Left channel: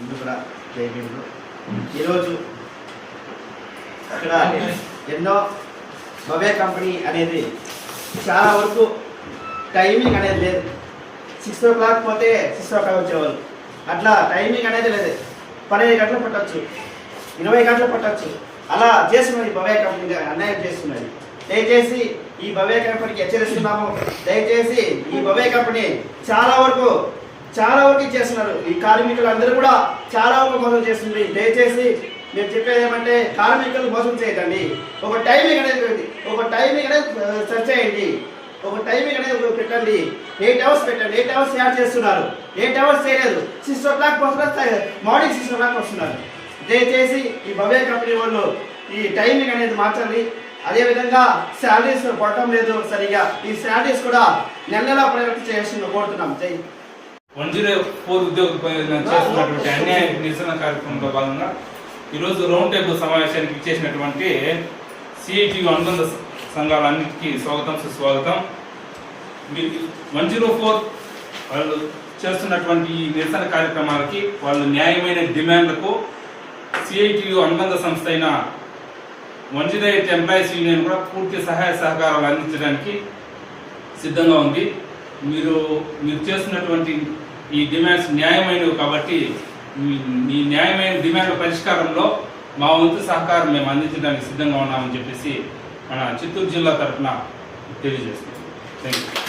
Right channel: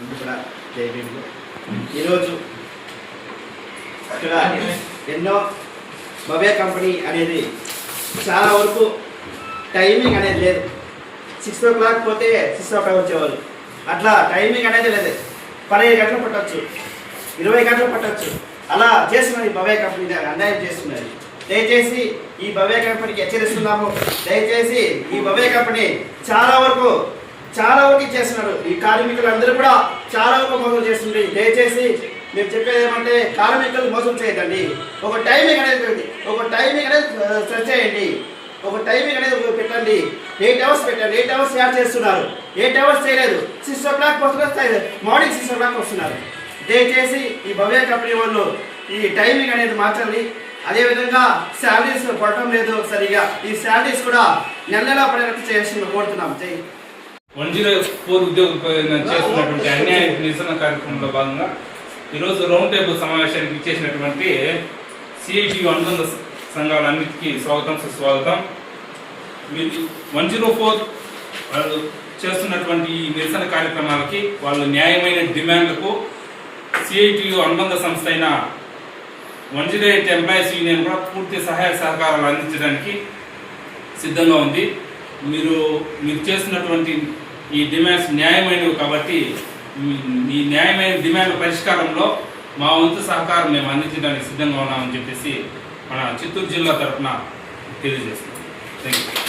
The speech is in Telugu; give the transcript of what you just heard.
అందరూ కూడా జైబీలు ఈరోజు ఇక్కడ ఎన్నో బవే కంపెనీ అనేది చాలా వరకు టైమింగ్ అనేది లేదు. సిక్స్ ఓ క్లాక్ పోతే సిక్స్ ఓ క్లాక్ వచ్చేవాళ్ళు. అట్లా టైమింగ్ అనేది లేదు. పదిహేను గంటలు పట్టచ్చు. ఇరవై గంటలు పట్టచ్చు. అలా చేస్తున్నది భవే కంపెనీ అన్యాయం చేస్తున్నది. దయచేసి ఈ భవే కంపెనీకి హెచ్చరిస్తున్నాము. దయచేసి ఈ భవే కంపెనీ చాలా వరకు చాలా వరకు చేస్తున్నారు. ఈ కార్మికులు అందరూ కూడా చాలా వరకు మోసం చేస్తుంది దయచేసి మీరు చెప్పేది ఏమంటే కార్మికులు మోసం చేయకండి. ఒక టైమింగ్ అనేది ఒక టైమింగ్ అనేది సెట్ చేయండి. ఒక టైమింగ్ అనేది పెట్టండి. ఎయిట్ అవర్స్ పెట్టండి. ఎయిట్ అవర్స్ యాడ్ చేస్తున్నారు. ఎయిట్ అవర్స్ చేయలేదు. సిక్స్ ఓ క్లాక్ వస్తున్నారు మార్నింగ్ సిక్స్ ఓ క్లాక్ వస్తున్నారు. దయచేసి ఈ భవ్య కంపెనీ వాళ్ళు ఈ టైమింగ్ అనేది మార్చండి. అదేవిధంగా శాలరీస్ పడటం లేదు సరిగా. ఈ శాలరీస్ కూడా నెల నెలా పడేటట్టు చేయాల్సింది కోరుతున్నాం. జై వన్ జీరో ఫోర్ ఉద్యోగుల చేస్తున్నటువంటి అన్యాయ నిరసన కార్యక్రమంలో భాగంగా ఈరోజు రౌండ్ టేబుల్ సమావేశానికి ఇచ్చేసినటువంటి సిఐటి అనుబంధ సంఘాలన్నిటికీ స్వాగతం సుస్వాగతం. మీరు వన్ జీరో ఫోర్ వాళ్ళు చేస్తున్నటువంటి ఈ నిరసన కార్యక్రమాలకి వాళ్ళు న్యాయమైన డిమాండ్లకు సిఐటియు అనుబంధ సంస్థ అయిన one zero eight employees union కూడా పూర్తి సహాయ సహకారాలు అందించడానికి సిద్ధంగా ఉంది. మీరు మీరు చేస్తున్నటువంటి ఈ డిమాండ్స్ న్యాయమైనవి కాబట్టి మీ- న్యాయమైన డిమాండ్ పరిష్కారంలో మా వంతు సహకారం మేము అందించడానికి సిద్ధంగా ఉన్నామని చెప్పేసి మన చిత్తూరు జిల్లా తరఫున తెలియజేస్తున్నాం. Thank you